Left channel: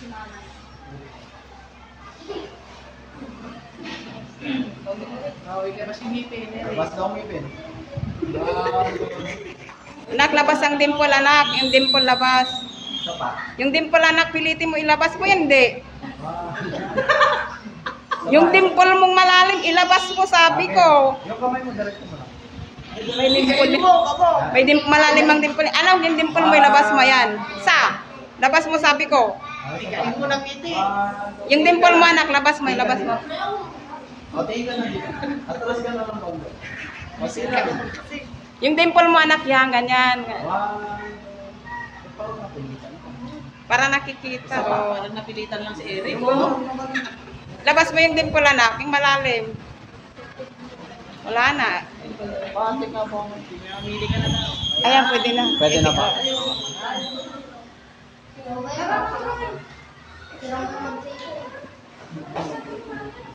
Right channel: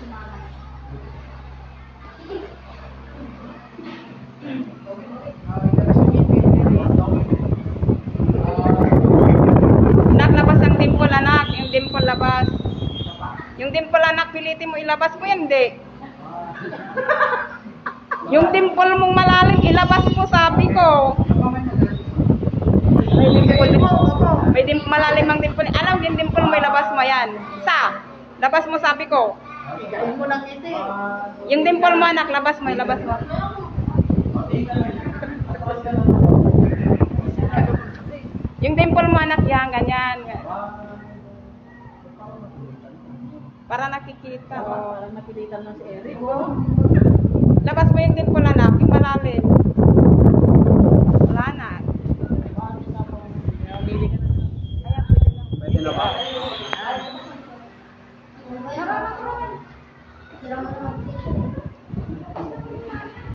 si mama. Anak, labas ang dimple, anak. Yung dimple, labas. Yung dimple, anak, pilitin mo ilabas mo, hindi. Yung dimple mong malalim, ilabas mo, sabi ko. May dimple, malalim ang dimple. Alam, yung dimple mo, ilabas mo yan. Labas mo, sabi ko. Yung dimple mo, anak, labas mo, ilabas mo. Yung dimple mo, anak, yan, ganyan. Para nakikita. Oh. Parang napilitan lang si Eric. Labas mo yung dimple, anak, yung malalim. Wala na. Ayan, pwede na. Pwede na po. Tara, tara.